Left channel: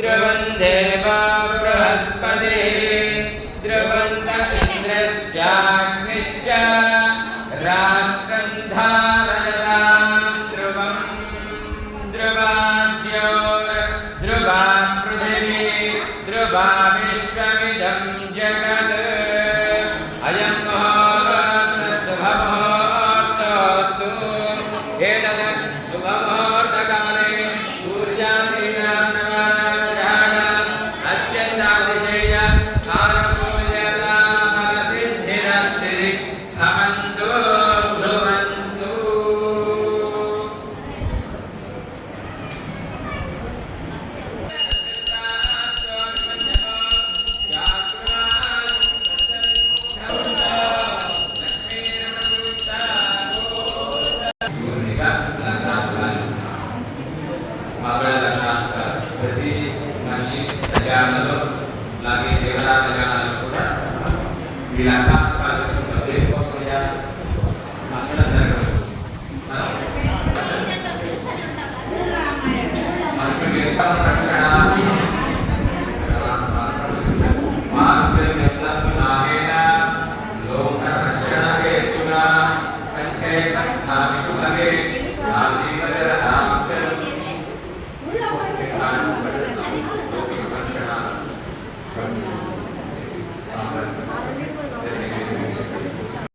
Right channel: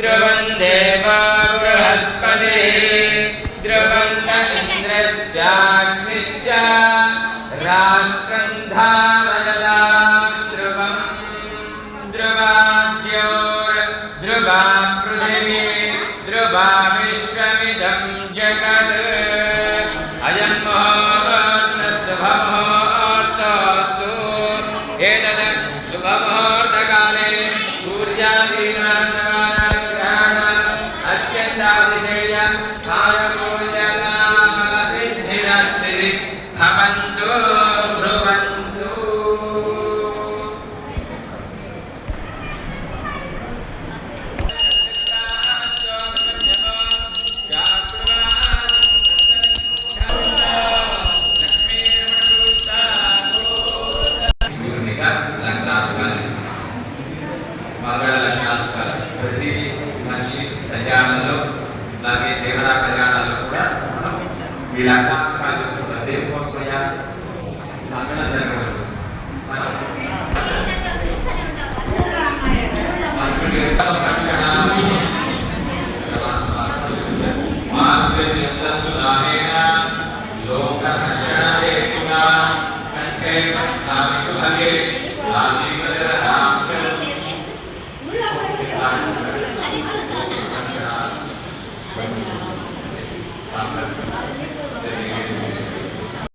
ध्रुवं देवो बृहस्पतिः ध्रुवन्त इन्द्रश्चाग्निश्च राष्ट्रं धारयतां ध्रुवं ध्रुवा पृथिवी ध्रुवा विश्वमिदं जगत् अयं मुहूर्तस्तु एतत् शुभमुहूर्तकाले सूर्यादिग्रहण अत्यन्तातिशय आनुकूल्यतामलसिद्धिरस्ति भवन्तु ध्रुवन्तु। ప్రతి మనిషి ప్రయాణంలో అలాగే దేవతా ప్రయాణాలు కూడా ఈ లగ్నాస్కాలు దేనికోసం మనుషులు